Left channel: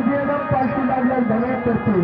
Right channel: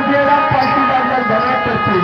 सुनिएगा पार्टी वाली धरे करती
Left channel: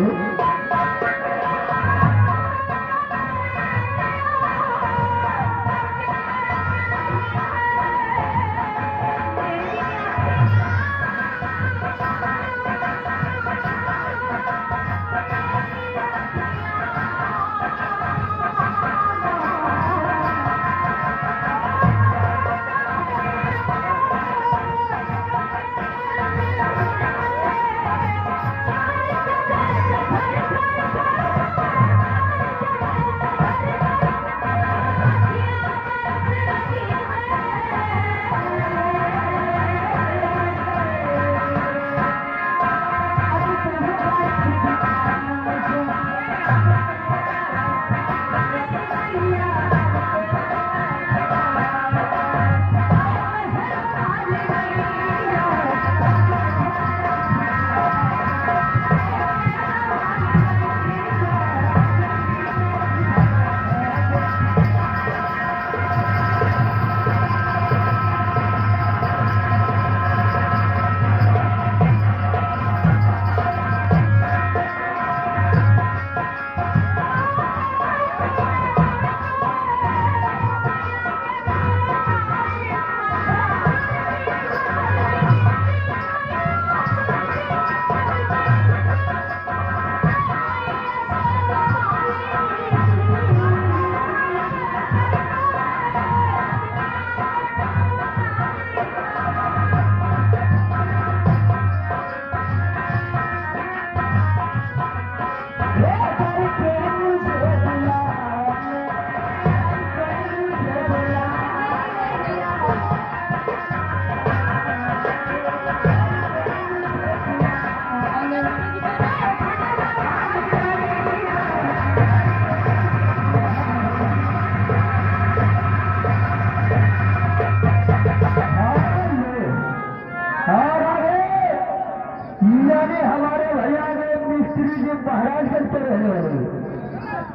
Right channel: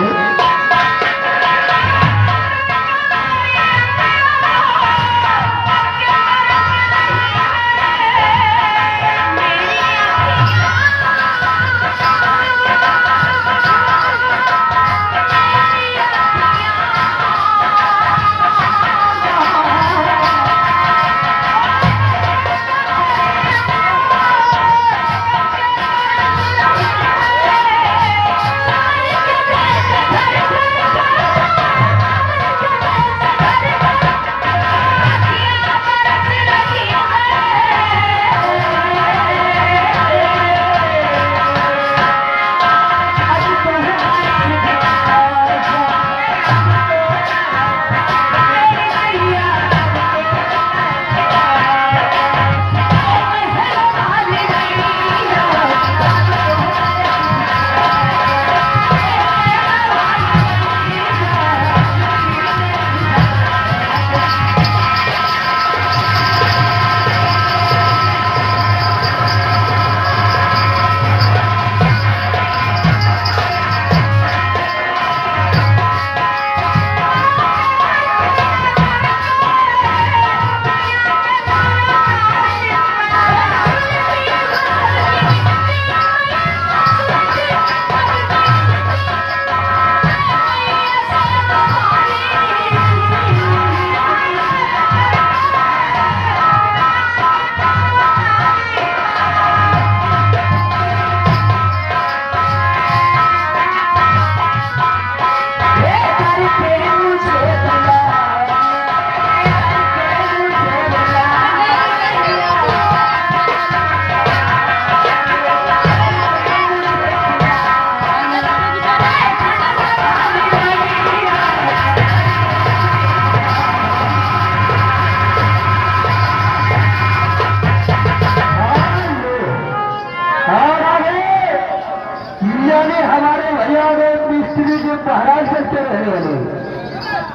हमारे भैया ने मिस्त्री जो महाराज करते रहने वाले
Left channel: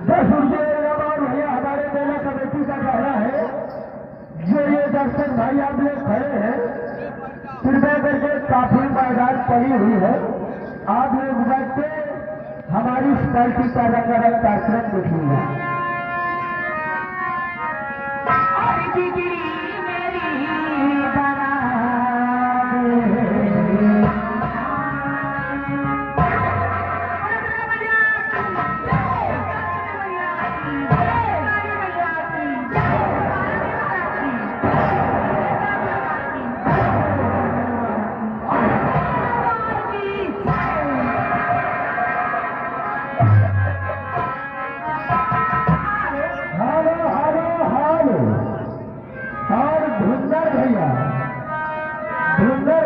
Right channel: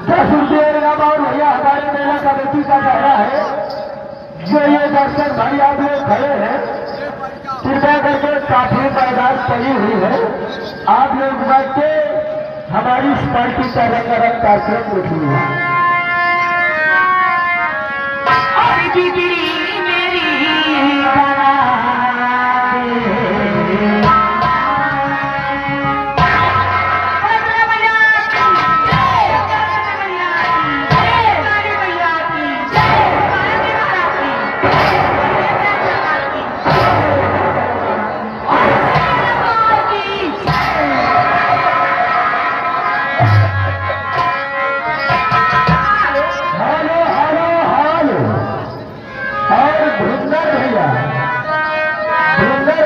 10 रुपये इनाम और भैया हमारे मेला कमेटी का कहना है जो ये दर्शक भाई आप लोग खड़े हैं कृपया करके काफी मैदान पड़ी हुई है आप लोग बैठ के हमारी इस पार्टी का रंगारंग कार्यक्रम देखिएगा।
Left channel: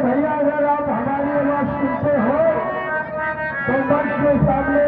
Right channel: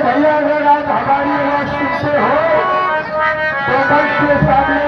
भैया अगर आप हमारी आवाज सुनते हो तो मंच के सामने